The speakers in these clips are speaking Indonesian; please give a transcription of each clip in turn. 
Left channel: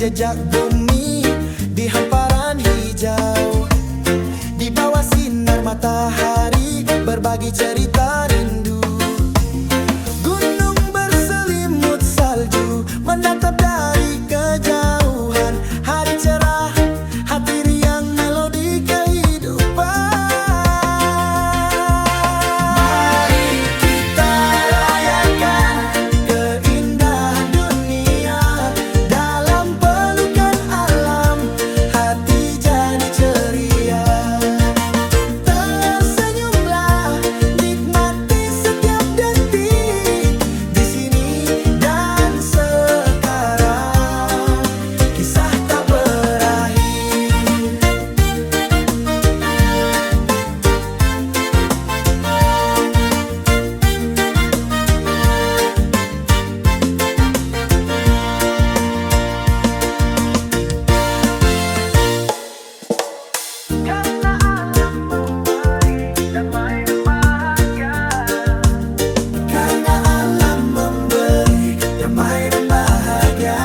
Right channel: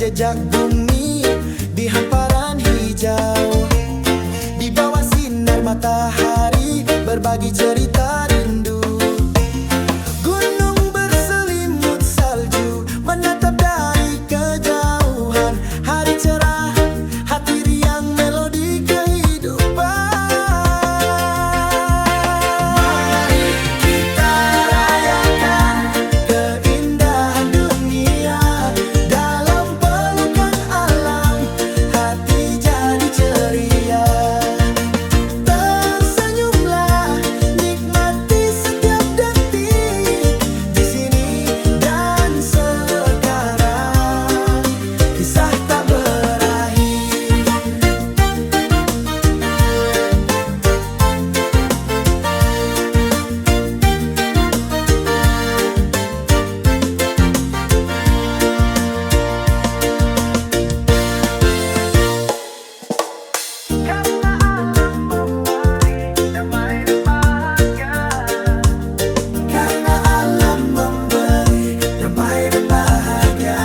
menjejak bumi di hamparan hijau. Di bawah sinar matahari berbagi cerita rindu. Gunung berselimut salju menatap dari kejauhan. Hari cerah, hati riang, melodi kehidupan. Mari kita rayakan keindahan dunia. Dalam pelukan alam, hati jadi ceria. Tersenyumlah, nikmati setiap detik di sini dan sekarang. Kisah tak berakhir. Karena alam memberi damai dan bahagia. Karena alam memberi damai dan bahagia.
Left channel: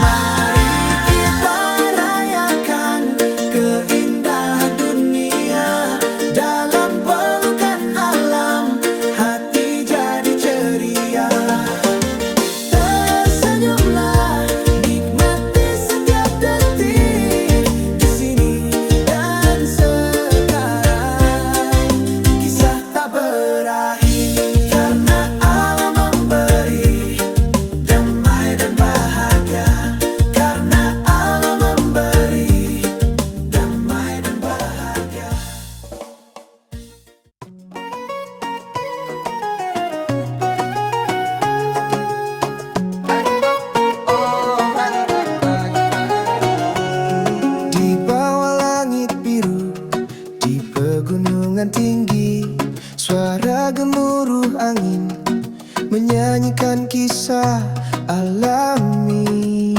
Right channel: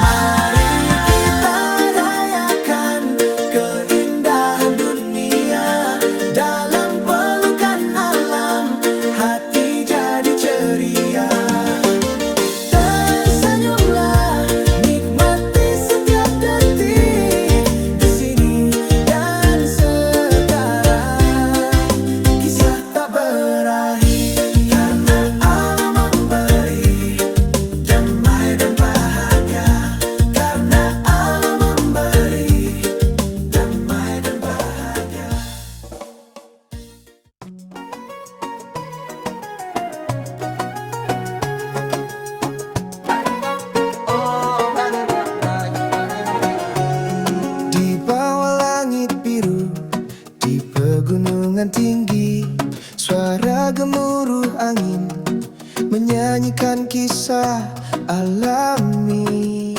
Mari kita rayakan keindahan dunia. Dalam pelukan alam, hati jadi ceria. Tersenyumlah, nikmati setiap detik di sini dan sekarang. Kisah tak berakhir. Karena alam memberi damai dan bahagia. Karena alam memberi damai dan bahagia. Di bawah langit biru, di pegunungan tinggi, suara gemuruh angin menyanyikan kisah alami.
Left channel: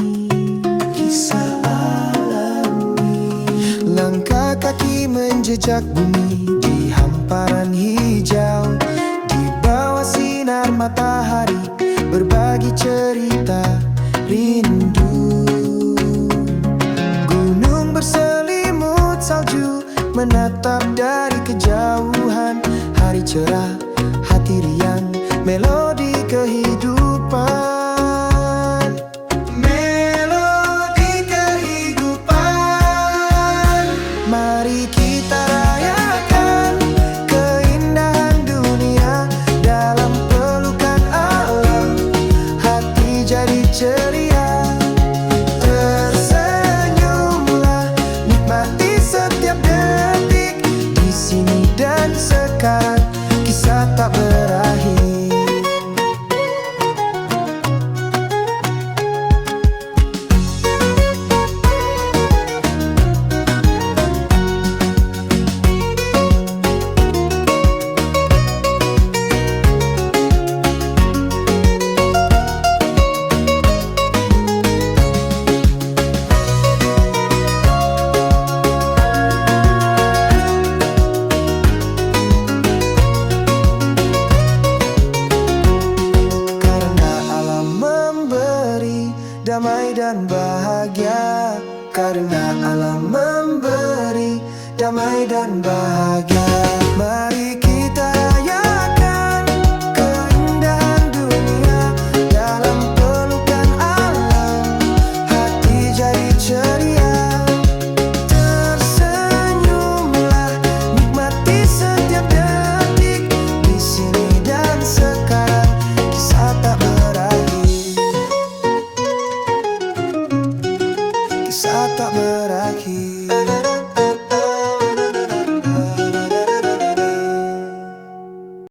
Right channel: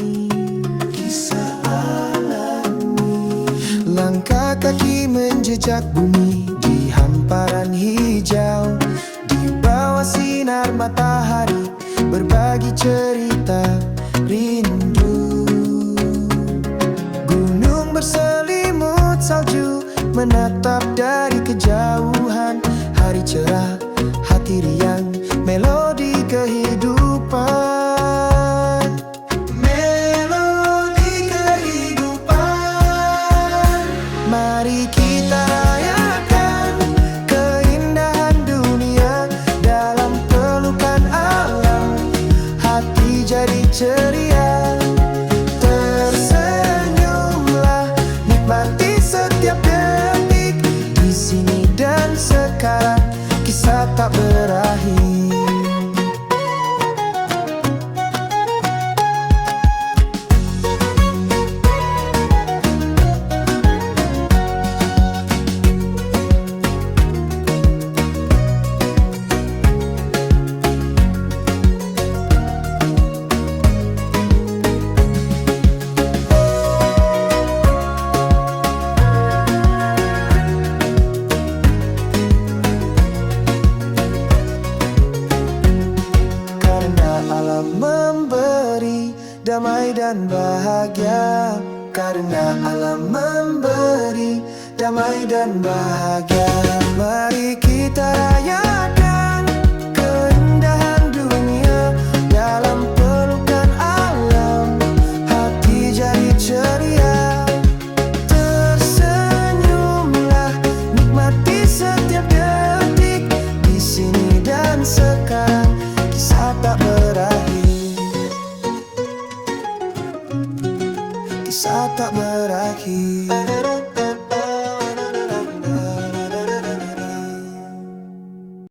Kisah alami. Langkah kaki menjejak bumi di hamparan hijau. Di bawah sinar matahari berbagi cerita rindu. Gunung berselimut salju menatap dari kejauhan. Hari cerah, hati riang, melodi kehidupan. Melodi kehidupan. Mari kita rayakan keindahan dunia. Dalam pelukan alam, hati jadi ceria. Tersenyumlah, nikmati setiap detik di sini dan sekarang. Kisah tak berakhir. Alam memberi damai dan bahagia. Karena alam memberi damai dan bahagia. Mari kita rayakan keindahan dunia. Dalam pelukan alam, hati jadi ceria. Tersenyumlah, nikmati setiap detik di sini dan sekarang. Kisah tak berakhir. Kisah tak berakhir.